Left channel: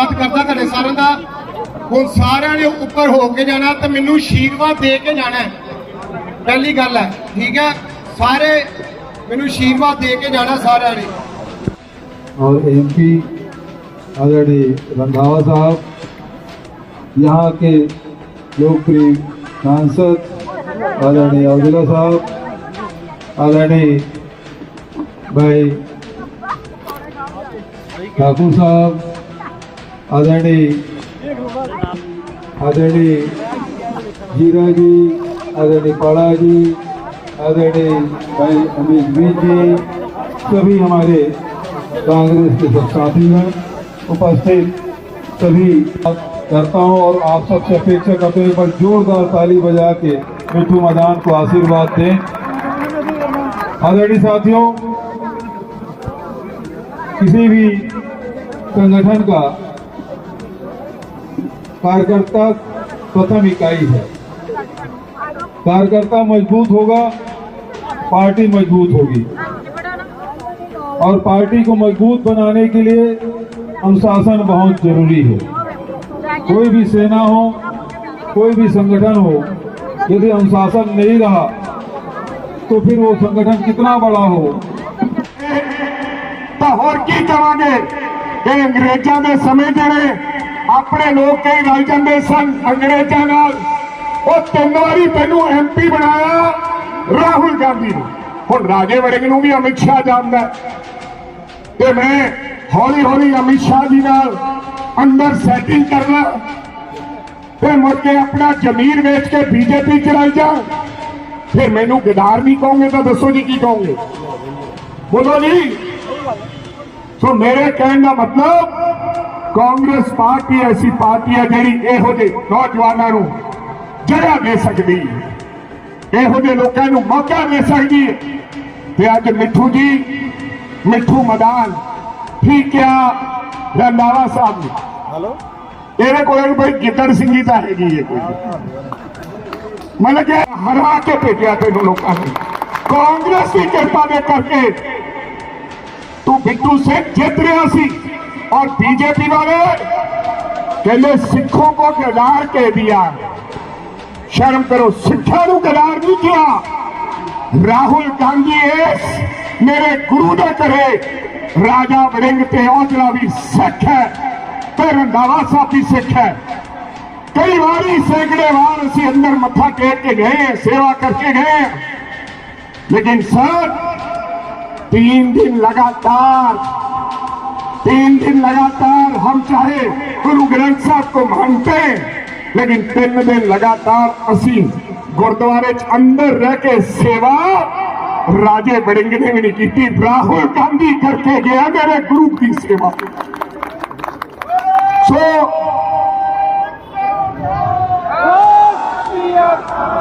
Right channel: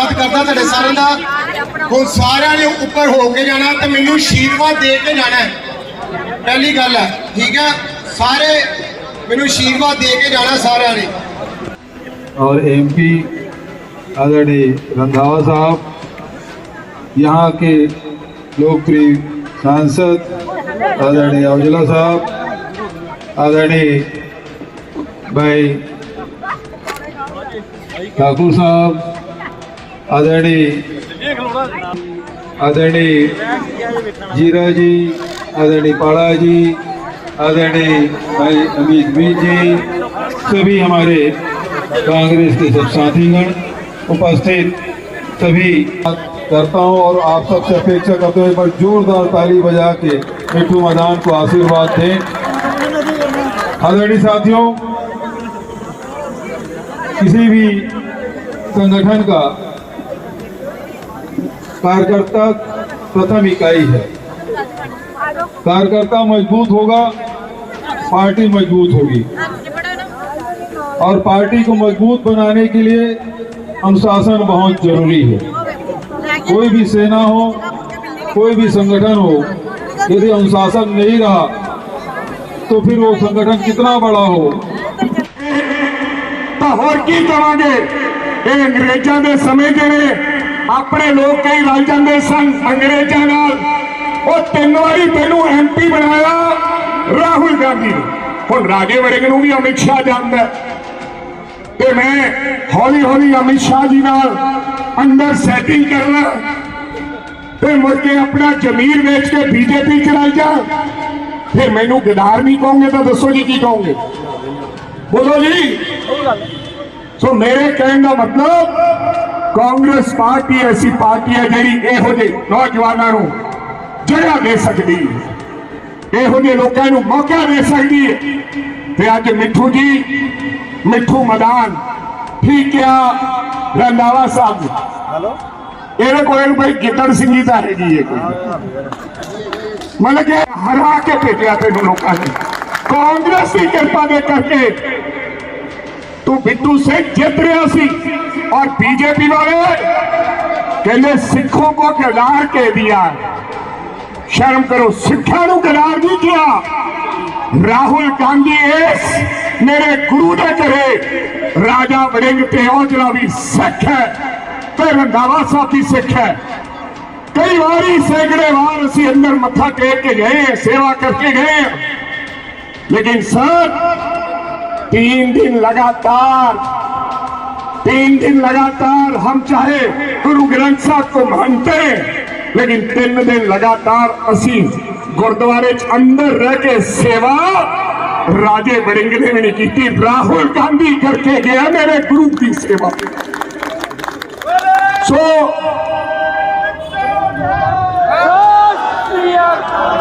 ਧੰਨਵਾਦ ਕਰਦਾ ਤੁਹਾਡੇ ਸਾਰਿਆਂ ਦਾ ਹੁਣ ਸਾਰਿਆਂ ਨੇ ਉੱਪਰ ਹੋ ਕੇ ਜਾਣਾ ਤੇ ਮੈਨੂੰ ਆਸ਼ੀਰਵਾਦ ਦੇ ਕੇ ਜਾਣਾ ਹੈ। ਪਹਿਲੀ ਗੱਲ ਹੈ ਠੀਕ ਹੈ ਸਾਰੇ ਮੈਨੂੰ ਆਸ਼ੀਰਵਾਦ ਦੇ ਕੇ ਜਾਣਾ ਸਾਰਿਆਂ ਨੇ और एमपी आदरणीय रंधावा साहब यहाँ के लोकप्रिय सांसद आदरणीय औजला साहब आदरणीय भाई ठाकुर साहब आदरणीय आदरणीय जीरा जी आदरणीय पाड़ा जी आदरणीय भाई अमित मीर जी, सभी हमारे कांग्रेस के सब साथीगण उपस्थित, सभी करता हूँ और आप सबसे अपेक्षा करते हुए पर जोरदार ताली बजा के मिठू मैदान को आशीर्वाद दें। आदरणीय साथियों, किसी भी संगठन का कार्यकर्ता प्रथम इकाई है। कार्यकर्ता मज़बूत होगा, पार्टी मज़बूत होगी। और पार्टी को मज़बूत बनाने के लिए अनुशासन बहुत ज़रूरी है। कोई भी सेना हो, कोई भी संगठन हो, यदि अनुशासन नहीं रहा तो फिर वो संगठन कितना बड़ा हो। तो की तरह अंग्रेजा ने समझ रहे ਆਪਣੇ ਲੋਕ ਕਈ ਰਲ ਜਾਂਦੇ ਸਨ ਅੰਗਰੇਜ਼ਾਂ ਨਾਲ। ਉਹ ਤਿੰਨ ਵਾਰੀ ਤੈਨੂੰ ਐਮਪੀ ਬਣਾਇਆ, ਰਾਹੁਲ ਗਾਂਧੀ ਨੂੰ। ਹੁਣ ਰਾਜੇ ਵੜਿੰਗ ਨੂੰ ਵੀ ਅਮਿਤ ਸ਼ਾਹ ਜਾਣਦਾ ਤੇ ਮੈਂ ਹੌਲੀ ਹੌਲੀ ਅਮਿਤ ਸ਼ਾਹ ਜੀ ਨਾਲ ਅੰਦਰ ਸੈਟਿੰਗ ਕਰਨਾ। ਤੇ ਮੁੜ ਕੇ ਆਪਣਾ ਜ਼ਮੀਰ ਵੇਚ ਕੇ ਬੀਜੇਪੀ ਚ ਰਲ ਜਾ। ਫਿਰ ਮੈਨੂੰ ਗਦਾਰ ਨਹੀਂ ਕਹੋਗੇ ਤਾਂ ਦੱਸੋ ਜੀ ਕੀ ਕਹੋਗੇ? ਬੋਲੋ ਜੀ। ਸੋ ਮੇਰੇ ਕਹਿਣ ਦਾ ਮਤਲਬ ਕਾਂਗਰਸ ਪਾਰਟੀ ਐਸੀ ਪਾਰਟੀ ਹੈ ਜਿਹੜੀ ਇਹੋ ਜਿਹੇ ਨੌਜਵਾਨਾਂ ਨੂੰ ਜਗ੍ਹਾ ਦੇ ਸਕਦੀ ਹੈ। ਇਹੋ ਜਿਹੇ ਲੋਕਾਂ ਨੂੰ ਮੌਕਾ ਦੇ ਸਕਦੀ ਹੈ। ਤੇ ਅੱਜ ਮਿੱਠੂ ਜੀ ਮਿੱਠੂ ਮਦਾਨ ਠੀਕ ਆ ਰੰਦਾਵਾ ਸਾਹਿਬ ਹੈਲੋ? ਇਹਦੇ ਕੋਲ ਕੋਈ ਗਿੱਦੜ ਸਿੰਘੀ ਤਾਂ ਹੈਗੀ ਹੈ ਕੋਈ। ਮਤਲਬ ਕਿ ਹਰਾ ਕੇ ਭੇਜਿਆ ਤੈਨੂੰ ਲੋਕਾਂ ਨੇ। ਕਾਂਗਰਸ ਦੀ ਕਿਰਪਾ ਦੇ ਕਰਕੇ ਤੂੰ ਬਿੱਟੂ ਸਿੰਘ ਜਿੱਤ ਰਿਹਾ ਸੀ। और बीजेपी वाले के लिए सिखों को किरदार कह दिया। शर्म करो सिखा किरदार नहीं किया। राहुल गांधी एस, मेरे गुरु ने कहे, राजा वरिंग तेवजला भी सिख है तेरे नावा साहब भी सिख है। कई बारी सैकड़े बार असि अंदर मथा टेक के गए, सेवा करके गए। लेकिन सर, तीन दिन लगातार तीन दिन लगातार हम चाहे गुरु ग्रंथ साहब को मानते हैं, लेकिन तीन दिन लगातार असी गुरुद्वारे अंदर रह के सेवा राजे बरिंगले ने नहीं की राहुल गांधी करके गया मेरे गुरु की सेवा। सो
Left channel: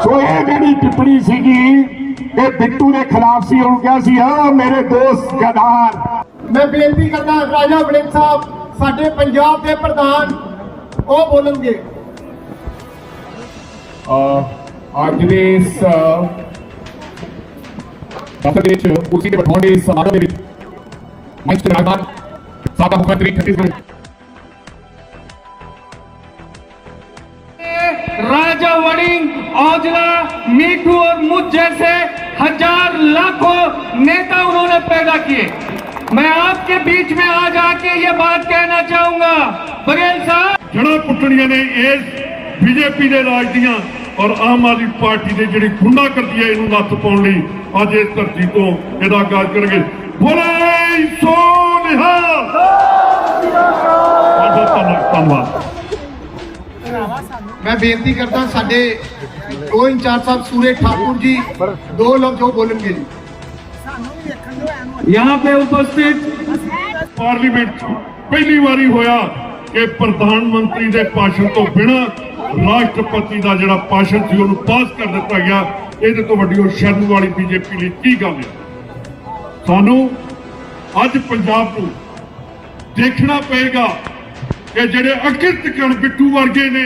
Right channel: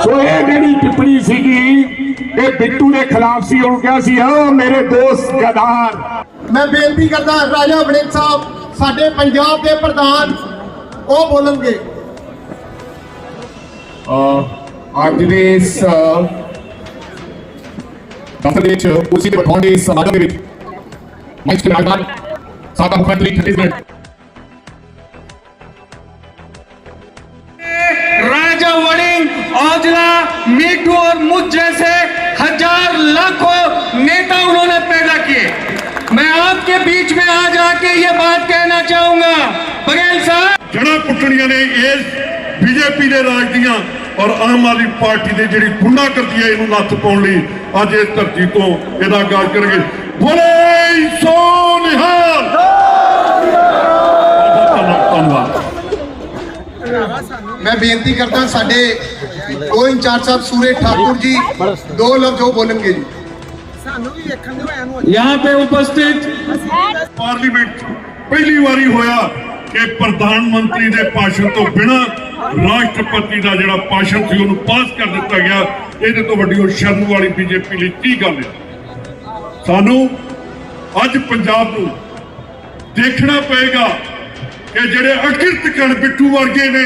सो ये मेरी टिप्पणी सी बिट्टू के खिलाफ सी और क्या सी मेरे दोस्त गदार। ਮੈਂ ਬੇਨਤੀ ਕਰਦਾ ਰਾਜਾ ਵੜਿੰਗ ਸਾਹਿਬ ਸਾਡੇ ਪੰਜਾਬ ਦੇ ਪ੍ਰਧਾਨ ਉਹ ਬੋਲਣਗੇ ਅਹ ਅੱਜ ਦੇ ਇਸ ਦਫ਼ਤਰ ਦੇ ਵਿੱਚ ਕੁਰਸੀ ਤੇ ਬਿਠਾਉਣ ਦੇ ਇਸ ਸਮਾਗਮ ਦੇ ਵਿੱਚ ਮੰਚ ਤੇ ਰਹਿਮਾਨ ਸਾਡਾ ਮੁੱਖ ਮੰਤਰੀ ਛੱਤੀਸਗੜ੍ਹ राजा वड़िंग औजला मीठू और मुझ जैसे हजार लाखों नेता उन्होंने पैदा किए मैं आपके बीच में आज आके ये बात कहना चाहूंगा बघेल साहब ਜੜਾਂ ਪੁੱਟਣੀਆਂ ਨੇ ਇਸ ਬੀਜੇਪੀ ਦੇ ਰਾਜ ਦੀਆਂ ਔਰ ਆਮ ਆਦਮੀ ਪਾਰਟੀ ਦੇ ਜਿਹੜੀ ਗੁੰਡਾ ਕਰਦੀ ਹੈ ਇਹਨੂੰ ਨੱਥ ਪਾਉਣ ਲਈ ਅੱਜ ਇਸ ਧਰਤੀ ਤੋਂ ਇਹਦਾ ਆਗਾਜ਼ ਕਰਾਂਗੇ ਬੋਲੇ ਸੋ ਨਿਹਾਲ ਬਹੁਤ ਬਹੁਤ ਧੰਨਵਾਦ ਮੈਂ ਬੇਨਤੀ ਕਰਦਾ ਸਾਡੇ ਉਹ ਇੰਚਾਰਜ ਸਾਹਿਬ ਸੂਰੇ ਠਾਕੁਰ ਜੀ ਦੋ ਲਫ਼ਜ਼ ਉਹ ਬੋਲਣਗੇ ਜੀ यहाँ पे उपस्थित ਪਾਰਲੀਮੈਂਟ 'ਚ ਪਹਿਲੀ ਵਾਰੀ ਹੋਇਆ ਕਿ ਪ੍ਰਧਾਨ ਮੰਤਰੀ ਦੇ ਭਾਸ਼ਣ ਤੋਂ ਬਿਨਾ ਰਾਸ਼ਟਰਪਤੀ ਦਾ ਜਿਹੜਾ ਭਾਸ਼ਣ ਸੀ ਉਹਨੂੰ ਪਾਸ ਕਰ ਦਿੱਤਾ ਗਿਆ ਇਹਦੇ ਤੋਂ ਵੱਡੀ ਉਹ ਸ਼ਰਮ ਵਾਲੀ ਬੀਜੇਪੀ ਲਈ ਕੀ ਗੱਲ ਹੈ ਸਾਨੂੰ ਅੱਜ ਪੰਜਾਬ ਨੂੰ ਦੇਖਣਾ ਪਏਗਾ ਕਿ ਜਿਹੜੇ ਅਕਿਰਤ ਕਣ ਬਿੱਟੂ ਵਰਗੇ ਨੇ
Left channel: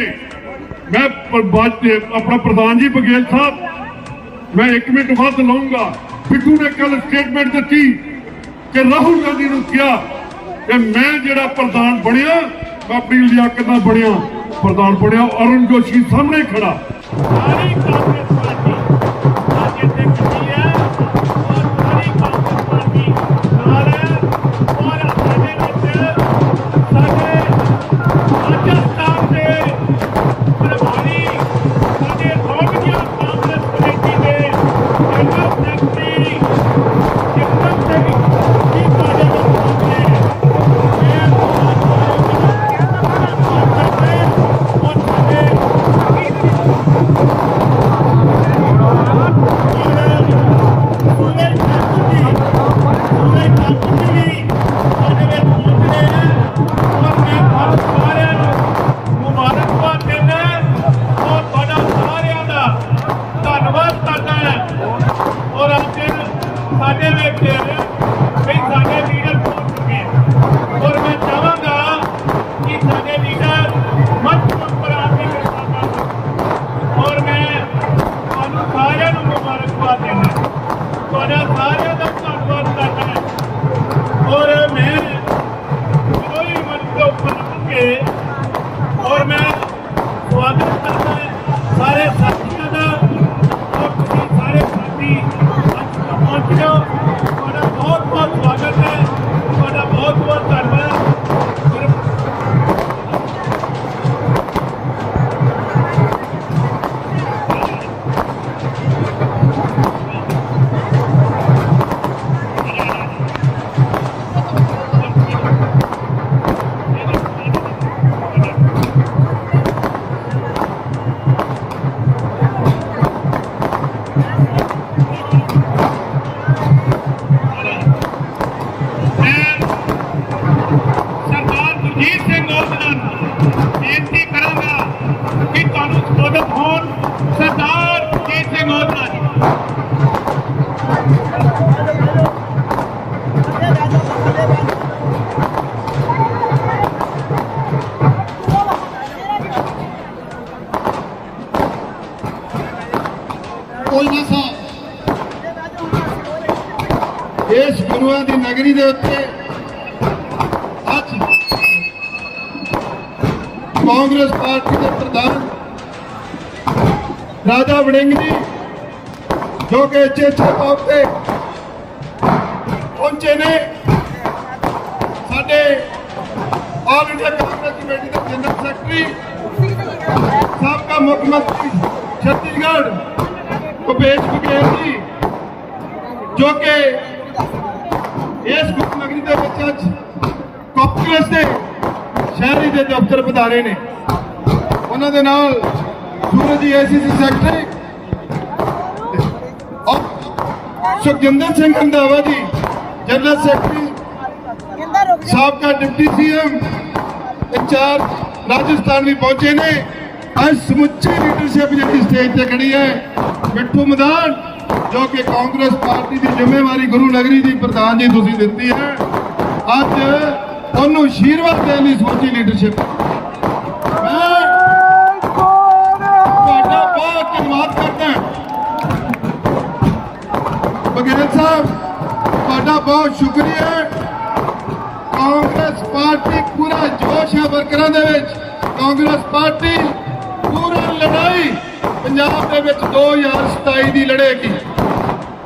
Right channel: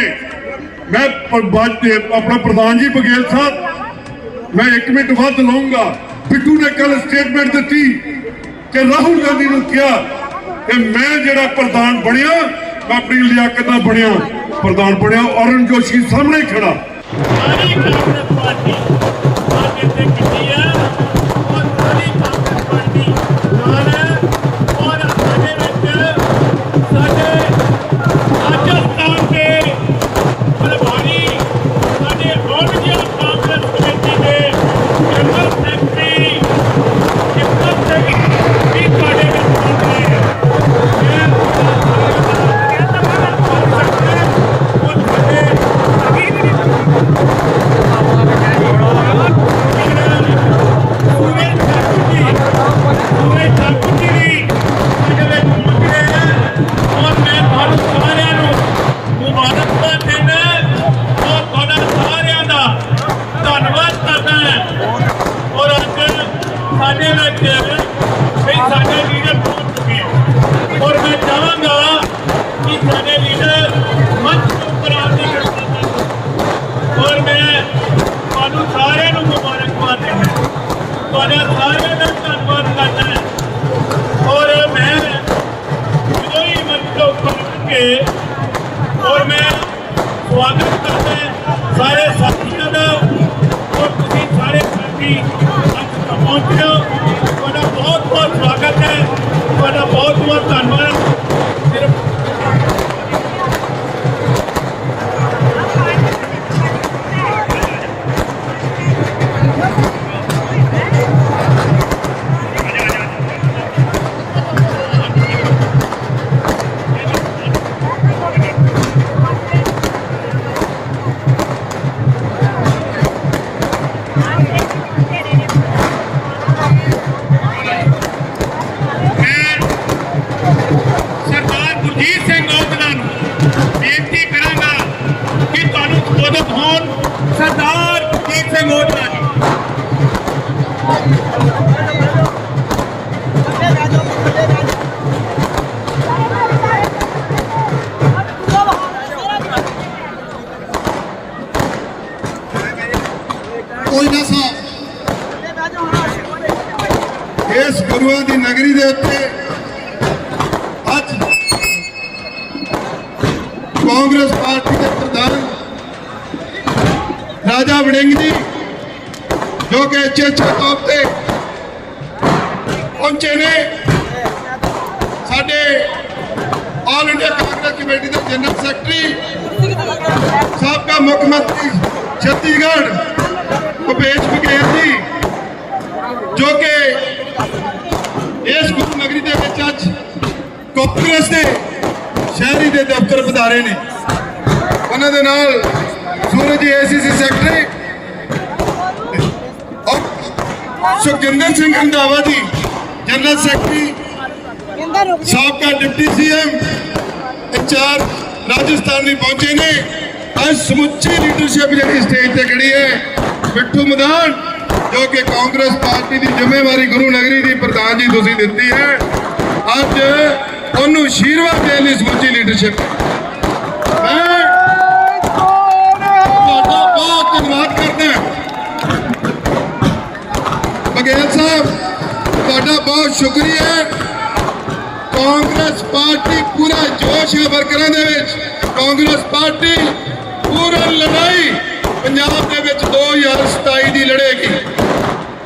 ਮੈਂ ਪ- ਬਾਅਦ ਤੇ ਆਪਣਾ ਪ੍ਰਧਾਨ ਜੀ ਬਗੇਲ ਸਾਹਿਬ ਮੈਂ 1 ਮਿੰਟ ਵੱਧ ਲਵਾਂਗਾ ਬਿੱਟੂ ਨੇ ਕੱਲ ਸਟੇਟਮੈਂਟ ਦਿੱਤੀ ਕਿ ਰਾਹੁਲ ਗਾਂਧੀ ਨੂੰ ਕਿਹਾ ਕਿ ਮੈਂ ਜਿਹੜਾ ਪ੍ਰਧਾਨ ਬਣਿਆ, ਮੈਂ ਆਪਣੀ ਲਿਆਕਤ ਨਾਲ ਬਣਿਆ, ਪ੍ਰਧਾਨ ਬਣਿਆ ਅਰੁਣ ਜੋਸ਼ੀ ਸਾਹਮਣੇ ਖੜਾ। ਸਾਰੀ ਕਾਂਗਰਸ ਪਾਰਟੀ ਸਾਰਿਆਂ ਨੂੰ ਮੁਬਾਰਕਬਾਦ ਦਿੰਦਾ। ਤੁਹਾਡਾ ਸਾਰਿਆਂ ਦਾ ਧੰਨਵਾਦ ਕਰਦਾ ਬਹੁਤ ਹੈ ਤੁਹਾਡਾ ਬਹੁਤ ਬਹੁਤ ਧੰਨਵਾਦ। ਕੋਈ ਨਾ ਸਾ। ਇਸ ਗੁਰੂਆਂ ਦੀ ਨਗਰੀ ਦੇ ਉੱਤੇ ਅੱਜ ਕਾਂਗਰਸ ਪਾਰਟੀ ਦੇ ਪ੍ਰਧਾਨ ਰਾਜਾ ਵੜਿੰਗ ਜੀ ਜੋ ਕਿ ਚੇਚੇ ਤੌਰ ਤੇ ਪਹੁੰਚੇ ਨੇ। ਸਾਡੇ ਆਲ ਇੰਡੀਆ ਕਾਂਗਰਸ ਕਮੇਟੀ ਦੇ ਜਨਰਲ ਸੈਕਟਰੀ ਸਾਬਕਾ ਮੁੱਖ ਮੰਤਰੀ ਛੱਤੀਸਗੜ੍ਹ ਭੁਪੇਸ਼ ਬਘੇਲ ਜੀ, ਜੋ ਕਿ ਇਸ ਗੁਰੂ ਨਗਰੀ ਦੇ ਵਿੱਚ ਅੱਜ ਕਾਂਗਰਸ ਦੇ ਸ਼ਹਿਰੀ ਦੇ ਦਫ਼ਤਰ ਵਧਾਰੇ ਨੇ। ਉਹਨਾਂ ਦੇ ਨਾਲ ਸੂਰਜ ਜੀ ਏਸੀਸੀ ਸੈਕਟਰੀ ਔਰ ਸੁਖਜਿੰਦਰ ਸਿੰਘ ਰੰਧਾਵਾ ਜੀ, ਜਨਰਲ ਸੈਕਟਰੀ ਸਾਬਕਾ ਡਿਪਟੀ ਸੀਐਮ, ਇੰਚਾਰਜ ਰਾਜਸਥਾਨ ਵੀ ਪਹੁੰਚੇ ਨੇ। ਅੱਜ ਸਮੁੱਚੀ ਲੀਡਰਸ਼ਿਪ ਜਿਹੜੀ ਸਟੇਜ ਤੇ ਖੜੀ ਹੈ, ਮਿੱਠੂ ਮਦਾਨ, ਜੋ ਕਿ ਕਾਂਗਰਸ ਪਾਰਟੀ ਦੀ ਜ਼ਿੰਮੇਵਾਰੀ ਗੁਰੂ ਨਗਰੀ ਦੀ ਪ੍ਰਧਾਨ ਜੀ ਤੁਸੀਂ ਦਿੱਤੀ ਹੈ, ਅੱਜ ਉਹਨੂੰ ਆਸ਼ੀਰਵਾਦ ਦੇਣ ਲਈ ਸਮੁੱਚੀ ਲੀਡਰਸ਼ਿਪ ਮੈਂ ਤੁਹਾਡਾ ਬਹੁਤ ਧੰਨਵਾਦ ਕਰਦਾ ਬਗੇਲ ਸਾਹਿਬ, ਤੁਹਾਡਾ ਬਹੁਤ ਸ਼ੁਕਰੀਆ। ਕਾਂਗਰਸ ਪਾਰਟੀ ਪੂਰਾ ਜੋਸ਼ ਹੈ ਵਰਕਰਾਂ ਦੇ ਵਿੱਚ। ਕਾਂਗਰਸ ਪਾਰਟੀ ਪੂਰੀ ਲੜਾਈ ਪੰਜਾਬ ਦੇ ਵਿੱਚ 2027 ਦੀ ਲੜੇਗੀ।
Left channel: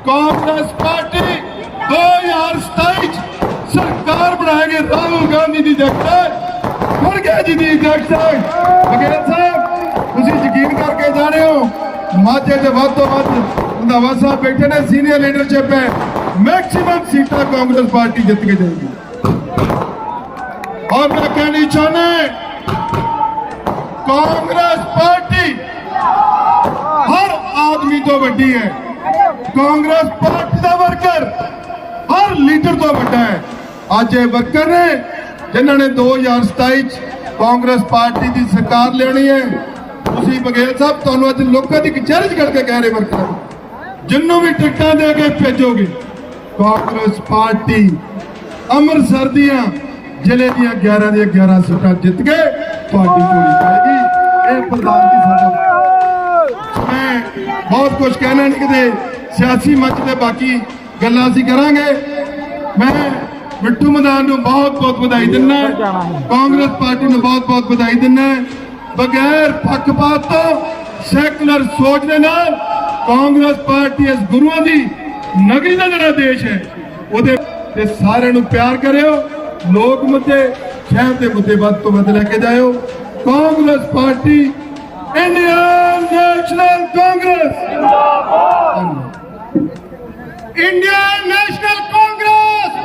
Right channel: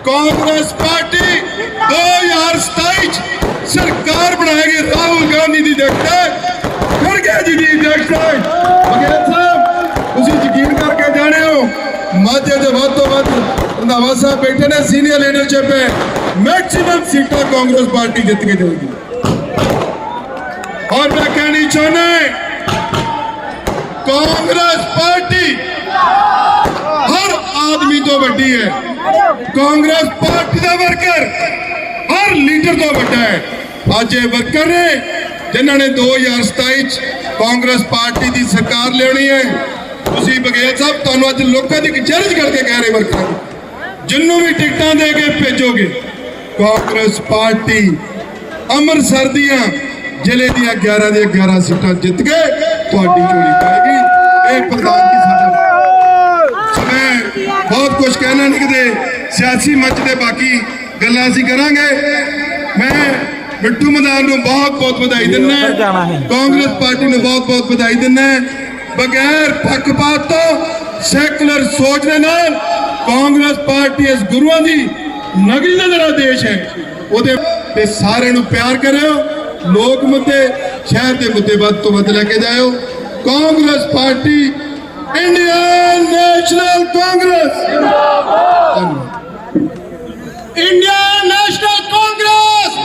ਕਾਂਗਰਸ ਪਾਰਟੀ 2027 ਚ ਸਰਕਾਰ ਬਣਾਏਗੀ, ਰਾਹੁਲ ਗਾਂਧੀ ਦੀ ਅਧਿਕਸ਼ਤਾ ਖੜਗੇ ਜੀ ਦੀ ਅਧਿਕਸ਼ਤਾ ਬਗੇਲ ਸਾਹਿਬ, ਤੁਸੀਂ ਯਕੀਨ ਕਰਕੇ ਜਾਣੇ ਹੋ ਮਾਝੇ ਦੇ ਵੱਧ ਤੋਂ ਵੱਧ ਰੰਧਾਵਾ ਸਾਹਿਬ ਬੈਠੇ ਨੇ ਸੀਨੀਅਰ ਲੀਡਰ చెప్పే ਮੈਕਸਿਮਮ ਸੀਟਾਂ ਕਾਂਗਰਸ ਪਾਰਟੀ ਜਿੱਤ ਕੇ ਜਾਊਗੀ ਔਰ ਮੈਂ ਕਹਿਣੀ ਚਾਹੁੰਦਾ ਕਾਂਗਰਸ ਪਾਰਟੀ ਹਰ ਆਦਮੀ ਤੋਂ ਵੱਡੀ ਹੈ। ਕਾਂਗਰਸ ਪਾਰਟੀ ਦਾ ਵਰਕਰ ਹਰ ਲੀਡਰ ਤੋਂ ਵੱਡਾ ਹੈ। ਅੱਜ ਇਹ ਵਰਕਰ ਨੇ ਜਿਨ੍ਹਾਂ ਨੇ 2027 ਚ ਕਾਂਗਰਸ ਪਾਰਟੀ ਦੀ ਸਰਕਾਰ ਲਿਆਉਣੀ ਹੈ। ਤੁਸੀਂ ਬਗੇਲ ਸਾਹਿਬ, ਤੁਹਾਨੂੰ ਅੱਜ ਲੋਕਾਂ ਦੀ ਚੈਲੰਜ ਕਰਕੇ ਕਹਿ ਰਹੇ ਵਰਕਰ ਜਿੰਨੂੰ ਵੀ ਟਿਕਟਾਂ ਦੇ ਕੇ ਭੇਜੋਗੇ, ਕਾਂਗਰਸ ਪਾਰਟੀ ਅੰਮ੍ਰਿਤਸਰ ਦੀਆਂ ਜ਼ਿਲ੍ਹੇ ਦੀਆਂ 11 ਦੀਆਂ 11 ਸੀਟਾਂ ਜਿੱਤ ਕੇ ਤੁਹਾਡੀ ਝੋਲੀ ਪਾਏਗੀ ਇਹ ਪ੍ਰਧਾਨ ਜੀ ਸਾਡਾ ਮੈਂ ਬਹੁਤ ਕੁਝ ਕਹਿਣਾ ਨਹੀਂ ਕਿਤੇ, ਸਿਆਸੀ ਮੰਚ ਦੇ ਬਾਕੀ ਗੱਲਾਂ ਅਸੀਂ ਕਰਾਂਗੇ। ਮੈਂ ਮਿੱਠੂ ਮਦਾਨ ਨੂੰ ਬਹੁਤ ਬਹੁਤ ਵਧਾਈ ਦਿੰਦਾ ਕਾਂਗਰਸ ਪਾਰਟੀ ਨੂੰ ਬਹੁਤ ਬਹੁਤ ਵਧਾਈ ਦਿੰਦਾ ਬਗੈਰ ਪੱਖਪਾਤ ਤੋਂ ਸੈਕੂਲਰ ਸੋਚ ਦੇ ਨਾਲ ਕਾਂਗਰਸ ਪਾਰਟੀ ਇਸ ਗੁਰੂਆਂ ਦੀ ਨਗਰੀ ਦਾ ਜਿਹੜਾ ਦੇਸ਼ ਹੈ, ਉਹਦੇ ਤੇ ਸਾਰਿਆਂ ਨੂੰ ਪਿਆਰ ਕਰਿਓ। ਲੋਕ ਮੁੱਦੇ, ਸ਼ਹਿਰ ਦੇ ਮੁੱਦੇ ਵੱਧ ਤੋਂ ਵੱਧ ਲੈ ਕੇ ਜਾਇਓ। Congress party, Indian National Congress. Indian National Congress.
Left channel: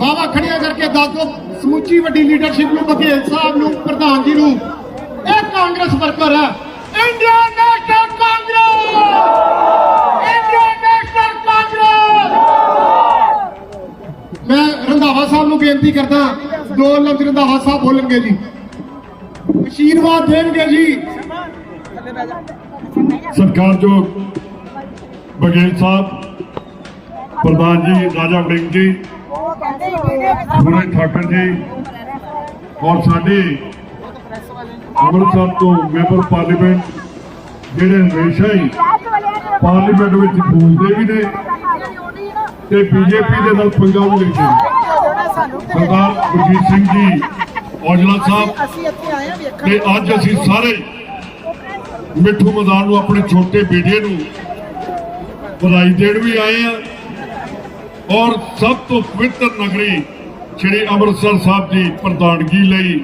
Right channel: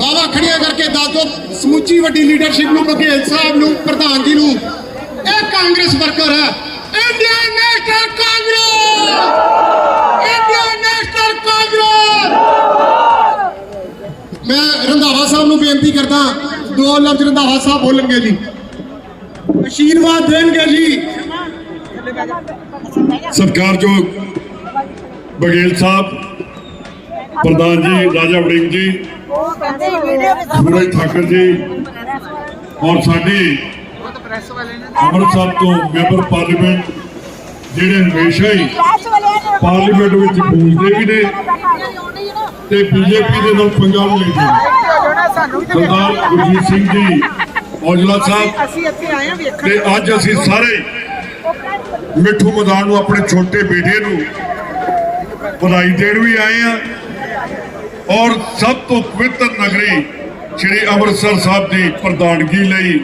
ਬਾਵਾ ਖੜੀਆਂ ਕਰਕੇ ਦੱਸ ਦਿਓ, ਸਮੁੱਚੀ ਵੱਡੀ ਲੀਡਰਸ਼ਿਪ ਨੂੰ ਬਘੇਲ ਸਾਹਿਬ ਨੂੰ ਪ੍ਰਧਾਨ ਜੀ ਨੂੰ। ਇਹ ਕਾਂਗਰਸ ਵਰਕਰ ਹੈ। Indian National Congress Indian National Congress ਮੈਂ ਰੰਧਾਵਾ ਸਾਹਿਬ ਨੂੰ ਬੇਨਤੀ ਕਰਦਾ ਦੋ ਲਫ਼ਜ਼ ਰੰਧਾਵਾ ਸਾਹਿਬ ਬੋਲਣਗੇ ਜੀ। ਆਸ਼ੀਰਵਾਦ ਦੇਣਗੇ ਜੀ। ਸਤਿਕਾਰਯੋਗ ਬਗੇਲ ਸਾਹਿਬ ਪ੍ਰਧਾਨ ਜੀ ਰਾਜਾ ਵੜਿੰਗ ਜੀ ਸੂਰਜ ਠਾਕਰ ਜੀ ਔਰ ਸਾਡੇ ਅੰਮ੍ਰਿਤਸਰ ਤੋਂ ਮੈਂਬਰ ਪਾਰਲੀਮੈਂਟ ਜਿਹੜੇ ਹਮੇਸ਼ਾ ਹੀ ਪਾਰਲੀਮੈਂਟ ਵਿੱਚ ਬੋਲਦੇ ਵੀ ਨੇ ਤੇ ਬੀਜੇਪੀ ਦੇ ਨਾਲ ਪੰਜਾਬ ਵੀ ਲੈਂਦੇ ਸਰਦਾਰ ਗੁਰਜੀਤ ਸਿੰਘ ਜੀ, ਔਜਲਾ ਸਾਹਿਬ ਅਸੀਂ ਤੇ ਅੱਜ ਅਸੀਂ ਸਾਰੇ ਮਿੱਠੂ ਮਦਾਨ ਨੂੰ ਆਪਣੇ ਛੋਟੇ ਬੇਟੇ ਨੂੰ ਵਧਾਈ ਦੇਣ ਵੀ ਆਏ ਆ ਔਰ ਸਭ ਤੋਂ ਪਵਿੱਤਰ ਨਗਰੀ ਸ੍ਰੀ ਅੰਮ੍ਰਿਤਸਰ ਸਾਹਿਬ ਦੀ ਪ੍ਰਧਾਨਗੀ ਲਈ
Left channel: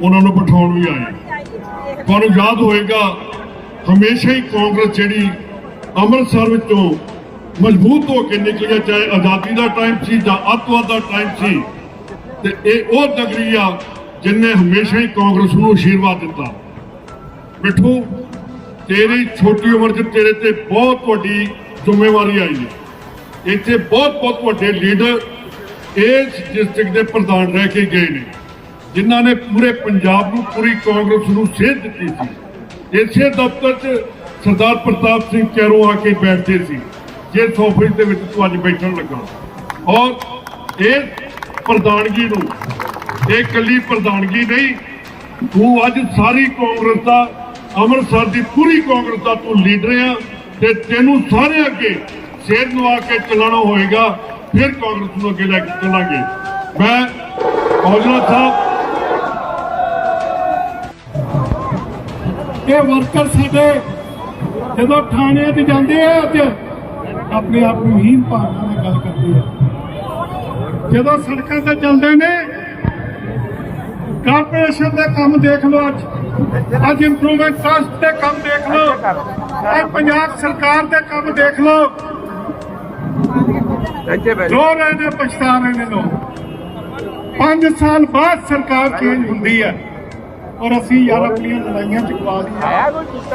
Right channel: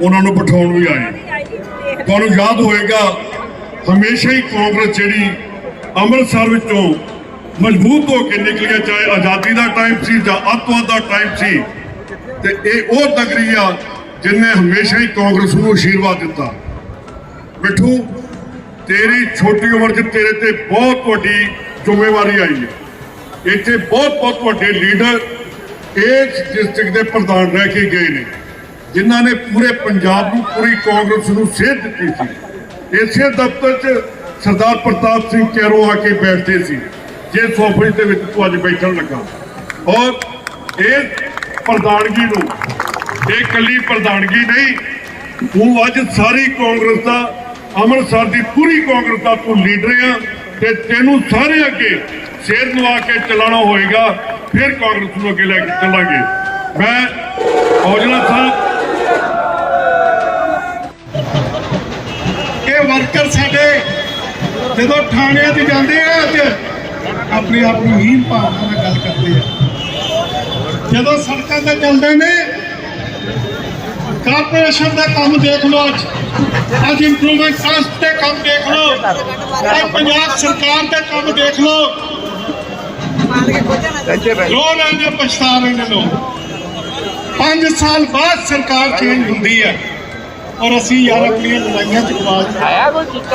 ਉਹਨਾਂ ਨੂੰ ਬਿਠਾਉਣ ਵੀ ਆਏ ਤੁਹਾਨੂੰ ਯਾਦ ਹੋਏਗਾ ਹਮੇਸ਼ਾ ਹੀ ਕਾਂਗਰਸ ਜਿਹੜੀ ਅੰਮ੍ਰਿਤਸਰ ਵਿੱਚੋਂ ਮਜ਼ਬੂਤ ਹੋ ਕੇ ਨਿਕਲਿਆ ਚਾਹੇ ਆਜ਼ਾਦੀ ਦਾ ਟਾਈਮ ਸੀ ਜਾਂ ਅੱਤਵਾਦ ਦਾ ਟਾਈਮ ਸੀ, ਤੇ ਇਹ ਉਹ ਨਗਰੀ ਆ ਜਿਨੇ ਹਮੇਸ਼ਾ ਹੀ ਕਾਂਗਰਸ ਨੂੰ ਆਸ਼ੀਰਵਾਦ ਦਿੱਤਾ। ਮਿੱਠੂ, ਤੇਰੀ ਛੋਟੀ ਉਮਰ 'ਚ ਤੇਰੇ ਤੇ ਬਹੁਤ ਵੱਡੀ ਜ਼ਿੰਮੇਵਾਰੀ ਆਈ ਹੈ। ਇੱਥੇ ਬਹੁਤ ਬਹੁਤ ਵੱਡੇ ਲੀਡਰ ਇਸ ਡਿਸਟ੍ਰਿਕਟ ਦੇ ਪ੍ਰਧਾਨ ਰਹਿ ਕੇ ਗਏ ਨੇ, ਜਿਨ੍ਹਾਂ ਨੇ ਪੂਰੇ ਪੰਜਾਬ ਨੂੰ, ਪੂਰੀ ਕਾਂਗਰਸ ਨੂੰ ਸੇਧ ਦਿੱਤੀ ਸੀ। ਇਸੇ ਦਫ਼ਤਰ 'ਚ ਸਰਦਾਰ ਪ੍ਰਤਾਪ ਸਿੰਘ ਕੈਰੋਂ ਆ ਕੇ ਬੈਠਦੇ ਸੀ ਜਿਸ ਆਫਿਸ ਦੇ ਵਿੱਚ ਤੂੰ ਅੱਜ ਬੈਠਣ ਲੱਗਾ। ਔਰ ਇਹ ਪ੍ਰਧਾਨਗੀ ਨੂੰ, ਇਹ ਕੱਲੀ ਪ੍ਰਧਾਨਗੀ ਨਹੀਂ, ਤੂੰ ਅੱਜ ਸਾਰੀ ਕਾਂਗਰਸ ਦਾ, ਅੰਮ੍ਰਿਤਸਰ ਦੀ ਪੂਰੀ ਕਾਂਗਰਸ ਦਾ ਤੂੰ ਲੀਡਰ ਆ, ਤੇ ਤੈਨੂੰ ਸਾਰੇ ਅੱਗੇ ਸਿਰ ਨਵਾ ਕੇ ਚੱਲਣਾ ਹੋਏਗਾ, ਫਿਰ ਕਾਂਗਰਸ ਨੂੰ ਅੱਗੇ ਲੈ ਕੇ ਚੱਲਾਂਗੇ। ਮੈਂ ਔਜਲਾ ਸਾਹਿਬ ਇਹ ਵਰਕਰ ਸਾਡੇ ਜਦੋਂ ਥਾਣਿਆਂ 'ਚ ਜਾਂਦੇ ਆ ਤੇ ਆਪਣੇ ਆਪ ਨੂੰ ਹੀਨ ਭਾਵਨਾ ਨਾਲ ਗੱਲ ਕਰਦੇ ਆ। ਜਦੋਂ ਸੜਕਾਂ ਤੇ ਚੱਲਦੇ ਨੇ, ਕਾਰਪੋਰੇਸ਼ਨ ਦਾ ਕੰਮ ਦੇਖ ਲਓ ਅੱਜ ਅੱਜ ਇੰਪਰੂਵਮੈਂਟ ਟਰਸਟ ਦੇ ਕੰਮ ਦੇਖ ਲਓ, ਅੱਜ ਪੰਜਾਬ ਸਰਕਾਰ ਦੇ ਕੰਮ ਦੇਖ ਲਓ। ਰੋ ਰਹੇ ਪਛਤਾ ਰਹੇ ਨੇ ਲੋਕ। 5 ਸਾਲ ਬਾਅਦ ਸਰਕਾਰ ਚੇਂਜ ਹੁੰਦੀ ਹੈ ਔਰ ਅਸੀਂ ਯਾਰ ਆਪਣੀਆਂ ਲੜਾਈਆਂ ਚ ਗਵਾ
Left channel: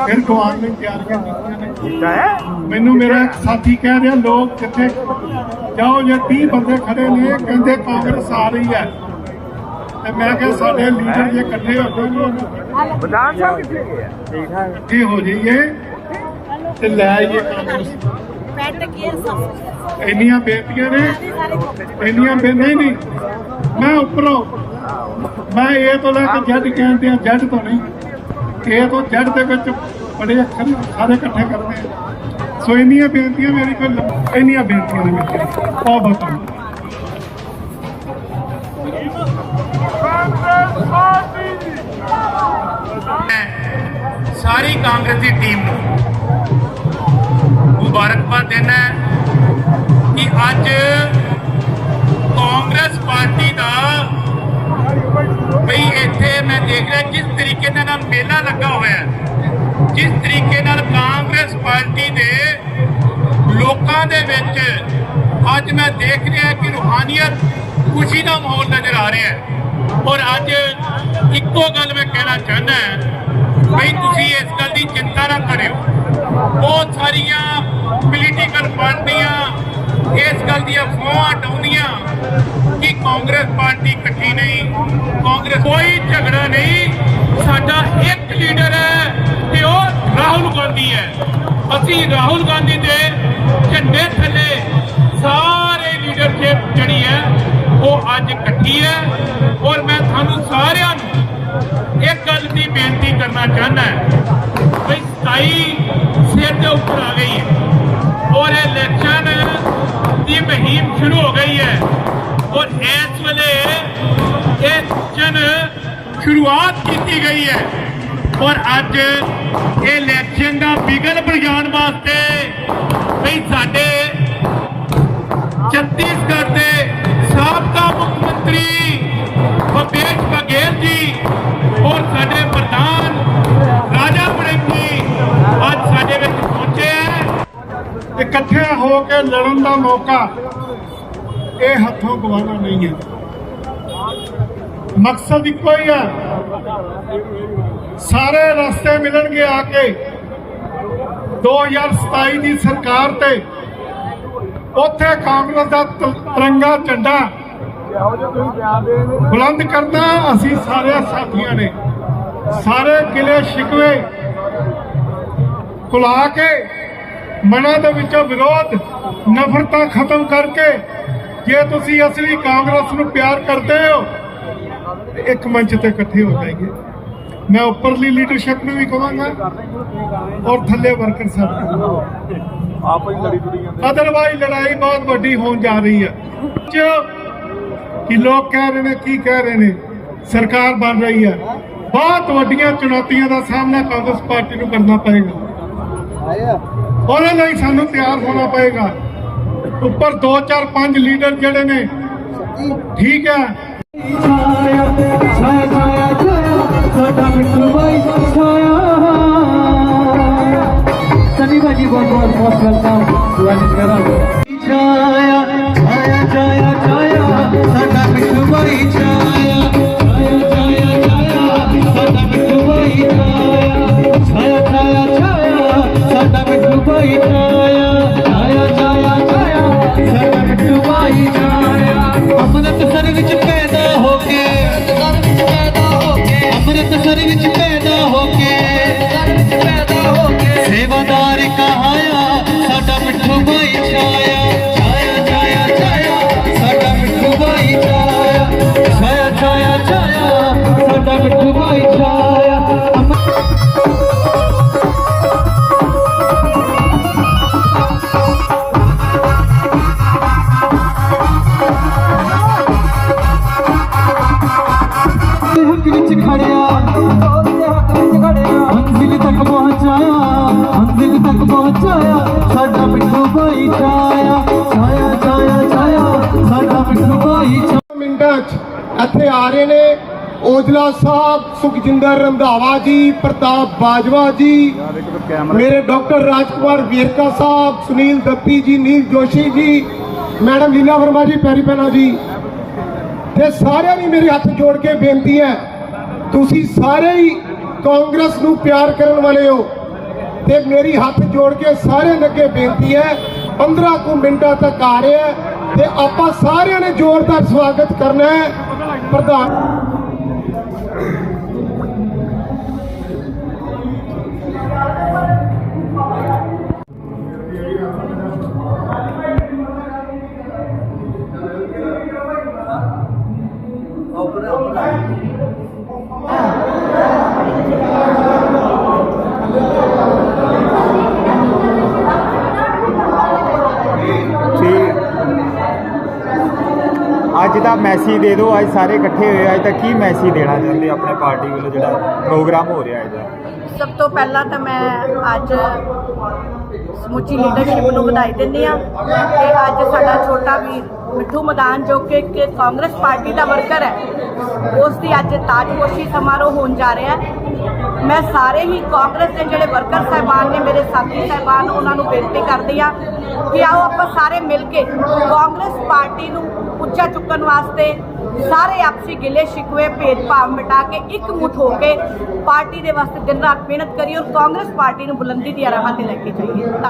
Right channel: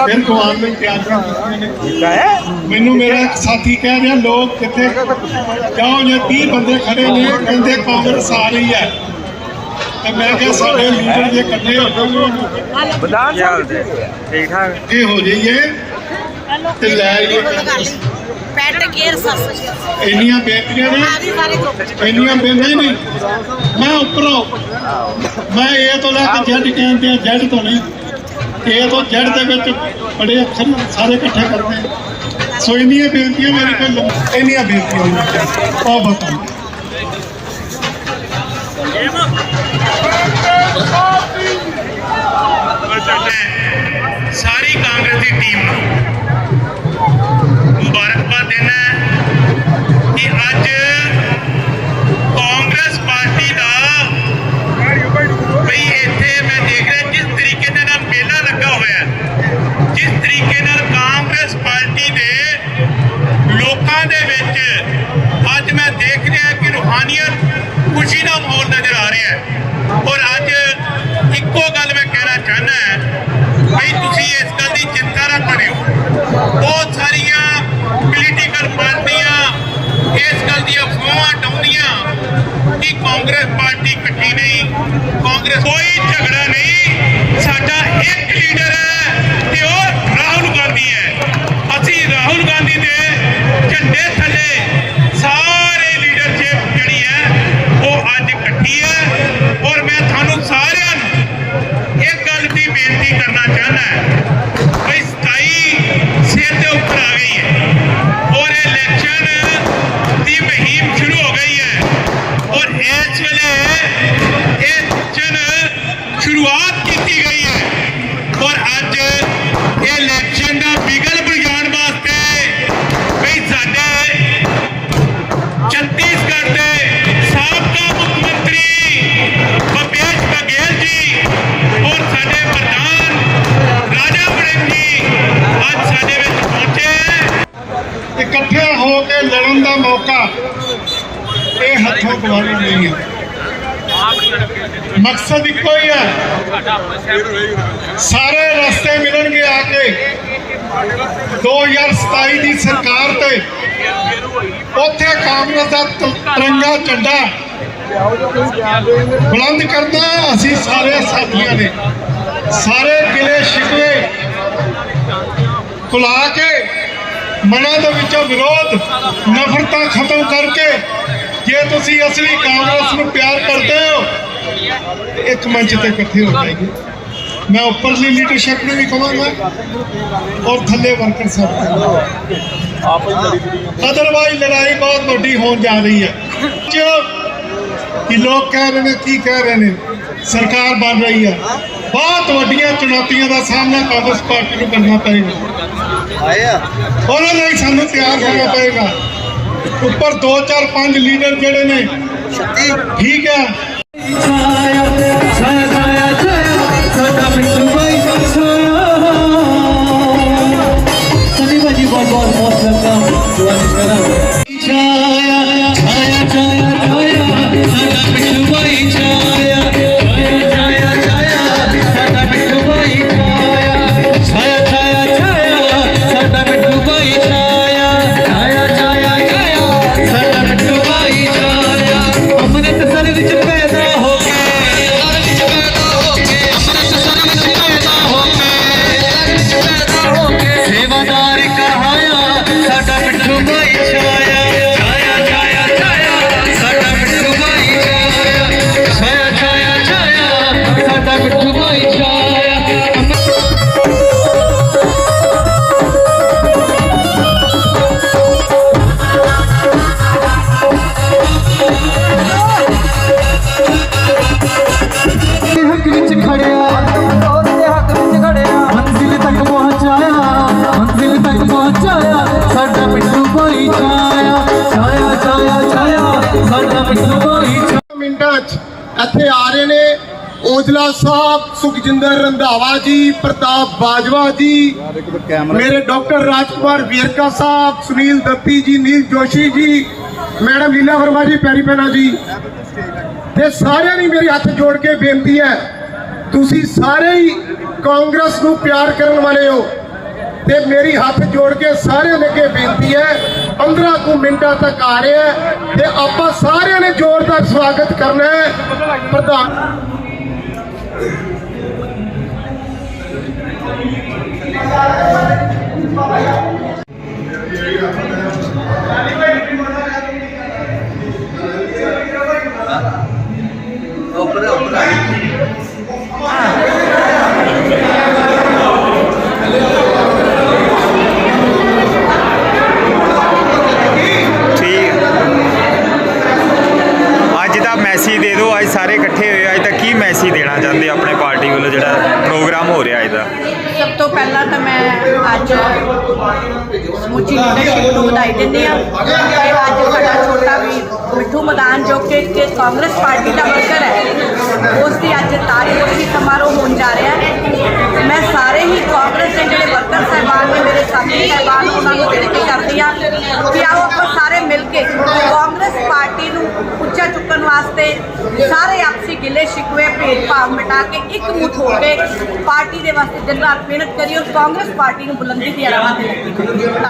ਫਿਰ ਗਵਾਉਣ ਲਈ ਤਿਆਰੀਆਂ ਕੀਤੀਆਂ ਨੇ ਮੈਨੂੰ ਮੇਰਾ ਇੱਕ ਸਾਥੀ ਕਹਿ ਰਿਹਾ ਲੋਕ ਕਿੱਥੇ ਜਾਓ ਜੇ 30 ਬੰਦੇ ਖੜੇ ਨੇ ਕਹਿੰਦੇ ਕਾਂਗਰਸ ਆ ਰਹੀ ਹੈ। ਤੇ ਮੈਂ ਕਿਹਾ ਸਾਡੇ ਲੀਡਰ ਜੇ ਇਕੱਠੇ ਹੋ ਠੀਕ ਠਾਕ ਇਹ ਹੋ ਜਾਈਏ ਤੇ ਲੈ ਆਈਏ ਕਾਂਗਰਸ। ਪੈਟ ਕੇਅਰ ਸੱਸ ਇੰਨੀਆਂ ਬੇਨਤੀਆਂ ਨੇ? ਇੰਨੀਆਂ ਬੇ ਨਹੀਂ ਨਹੀਂ। ਮੈਂ ਉੱਪਰੋਂ ਮੈਂ ਇਹ ਤੋਂ ਲੈ ਕੇ ਜੱਡ ਕਹਿੰਦੇ ਆ ਜੱਡ ਤੋਂ ਨਹੀਂ। ਇਹ ਤੋਂ ਜੱਡ ਦੇ ਵਿੱਚ ਬੜੇ ਅੱਖਰ ਸਾਰੇ ਇਕੱਠੇ ਕਰਦੇ ਸੋ ਇੰਨੀਆਂ ਬੇਨਤੀਆਂ ਮੇਰੇ ਕੋਲ ਇੰਨੀਆਂ ਬੇਨਤੀਆਂ ਨੇ ਬਹੁਤ ਬਹੁਤ ਸਾਰੀ ਕਾਂਗਰਸ ਦੀ ਟੀਮ ਕਾਂਗਰਸ ਹੋ ਲੜਨ ਦਾ ਮੌਕਾ ਇਹ ਹੱਥੋਂ ਗਵਾਉਣਾ ਨਹੀਂ ਹੈ। ਮਕਸਦ ਇੱਕੋ ਹੀ ਹੈ। ਸਾਰੇ ਰਸਤੇ ਮਿਲਣਗੇ ਆ ਕੇ। 2027 ਦੀ ਸਰਕਾਰ ਤੇ ਉੱਥੇ ਕਾਂਗਰਸ ਦਾ ਤਿਰੰਗਾ ਝੰਡਾ ਬੁਲੰਦ ਕਰਨਾ ਅਸੀਂ ਸਾਰੇ ਸਾਥੀਆਂ ਨੇ। ਸਾਰੇ ਗਿਲੇ ਸ਼ਿਕਵੇ ਭੁਲਾ ਕੇ ਮਨਾਂ ਦੇ ਵਿੱਚੋਂ ਵਿਰੋਧ, ਨਫ਼ਰਤਾਂ ਖਤਮ ਕਰਕੇ ਜੇ ਤੁਸੀਂ ਅਸਲੀ ਕਾਂਗਰਸ ਨੂੰ ਪਿਆਰ ਕਰਦੇ ਹੋ, ਇੱਕ ਮੰਚ ਤੇ ਇਕੱਠੇ ਹੋ ਜਾਈਏ ਮੈਂ ਉੱਪਰਲੀ ਲੀਡਰਸ਼ਿਪ ਨੂੰ ਵੀ ਕਹਾਂਗਾ ਔਰ ਥੱਲੇ ਵਰਕਰ ਸਾਹਿਬ ਨੂੰ ਅਦਰਵਾਈਜ਼ ਲੜਾਈ ਬਹੁਤ ਵੱਡੀ ਹੋਣ ਜਾ ਰਹੀ ਹੈ। ਜੋ ਕਿ ਲੋਕ ਕਹਿ ਰਹੇ ਨੇ, ਕੀ ਕਹਿ ਰਹੇ ਨੇ? ਸਰਕਾਰ ਬਣ ਰਹੀ ਹੈ। ਬਹੁਤ ਵੱਡੀਆਂ ਚੁਣੌਤੀਆਂ ਦਾ ਸਾਹਮਣਾ ਕਾਂਗਰਸ ਪਾਰਟੀ ਨੂੰ ਕਰਨਾ ਪਏਗਾ। ਉਹਦੇ ਲਈ ਸਾਨੂੰ ਤਿਆਰ ਹੋਣਾ ਪਏਗਾ ਉੱਪਰ 2 4 5 ਲੀਡਰ ਜਿਹੜੇ ਨੇ ਠੀਕ ਹੈ सनी भाजी बहुत बहुत बहुत वेलकम टू छाया छाया छाया छाया ਔਜਲਾ ਸਾਹਿਬ, ਸੁਖਜਿੰਦਰ ਰੰਧਾਵਾ ਜੀ, ਪ੍ਰਤਾਪ ਬਾਜਵਾ ਜੀ, ਮੇਰੇ ਡਾਕਟਰ ਰਾਜਕੁਮਾਰ ਵੀਰਕਾ ਸਾਹਿਬ, ਸੁਨੀਲ ਦੱਪੀ ਜੀ, ਨੀਲ ਜੋਸ਼ੀ ਜੀ, ਮੈਡਮ ਲੀਲਾ ਵਰਮਾ ਜੀ ਪੈਰੀ ਪੈਣਾ ਜੀ। ਤੇ ਸਾਰਿਆਂ ਦੀ ਮੇਰੀ ਹੱਥ ਜੋੜ ਕੇ ਬੇਨਤੀ ਹੈ, ਤੁਸੀਂ ਸਾਰੇ ਹੀ ਕਾਂਗਰਸ ਨੂੰ ਪਿਆਰ ਕਰਨ ਵਾਲੇ ਹੋ। ਤੇ ਮੇਰੀ ਹੱਥ ਜੋੜ ਕੇ ਸਾਰਿਆਂ ਦੇ ਅੱਗੇ ਬੇਨਤੀ ਹੈ 15 ਕੁ ਮਿੰਟਾਂ ਤੱਕ ਆ ਰਿਹਾ ਤੇ ਆਪਾਂ ਸਾਰਿਆਂ ਨੇ ਜ਼ੋਰਦਾਰ ਸਵਾਗਤ ਕਰਨਾ ਹੈ। ਪ੍ਰਧਾਨ ਮੈਸੇਜ ਦੇ ਦਿਓ, ਅੱਜ ਸਾਰੇ ਇਕੱਠੇ ਹੋਏ ਅੱਜ ਤਾਂ ਕੀ ਮੈਸੇਜ ਦੇਣਾ ਚਾਹੁੰਦੇ ਆਪਣੇ ਪਾਰਟੀ ਵੱਲੋਂ ਜਿਹੜਾ ਪ੍ਰੋਗਰਾਮ ਹੋ ਰਿਹਾ ਅੱਜ ਦਾ? ਸਭ ਤੋਂ ਪਹਿਲਾਂ ਤਾਂ ਮੈਂ ਅੱਜ ਸਮੁੱਚੀ ਲੀਡਰਸ਼ਿਪ ਨੂੰ ਵਧਾਈ ਦਿੰਦੀ ਆ ਤੇ ਅੱਜ ਸਾਡਾ ਛੋਟਾ ਵੀਰ ਮਿੱਠੂ ਮਦਾਨ ਜੋ ਕਿ ਕਿ ਕਾਂਗਰਸ ਪਾਰਟੀ ਦਾ ਵਰਕਰ ਹੈ ਉਸ ਦੀ ਅੱਜ ਤਾਜਪੋਸ਼ੀ ਸਮਾਰੋਹ ਹੋਣ ਜਾ ਰਿਹਾ ਹੈ। ਮੈਂ ਸਾਰੇ ਹੀ ਕਾਂਗਰਸ ਦੇ ਜਿਹੜੇ ਵਰਕਰ ਸਾਹਿਬਾਨ ਨੇ, ਮੇਰੇ ਸਾਥੀ ਸਾਹਿਬਾਨ, ਉਹਨਾਂ ਨੂੰ ਬੇਨਤੀ ਕਰਦੀ ਆ ਕਿ ਆਓ ਆਪਾਂ ਸਾਰੇ ਮਿਲ ਕੇ ਕਾਂਗਰਸ ਪਾਰਟੀ ਨੂੰ ਉੱਚਾ ਚੁੱਕਣ ਵਾਸਤੇ ਸਾਰੇ ਆਪਸੀ ਗਿਲੇ ਸ਼ਿਕਵੇ, ਭੇਦਭਾਵ ਮਿਟਾ ਕੇ ਇੱਕ ਮੁੱਠ ਹੋ ਕੇ ਪਾਰਟੀ ਦੇ ਵਾਸਤੇ ਦਿਨ ਰਾਤ ਮਿਹਨਤ ਕਰੀਏ ਔਰ ਕਾਂਗਰਸ ਪਾਰਟੀ ਨੂੰ ਬੁਲੰਦੀ ਦੀਆਂ ਰਾਹਾਂ ਤੇ ਲੈ ਕੇ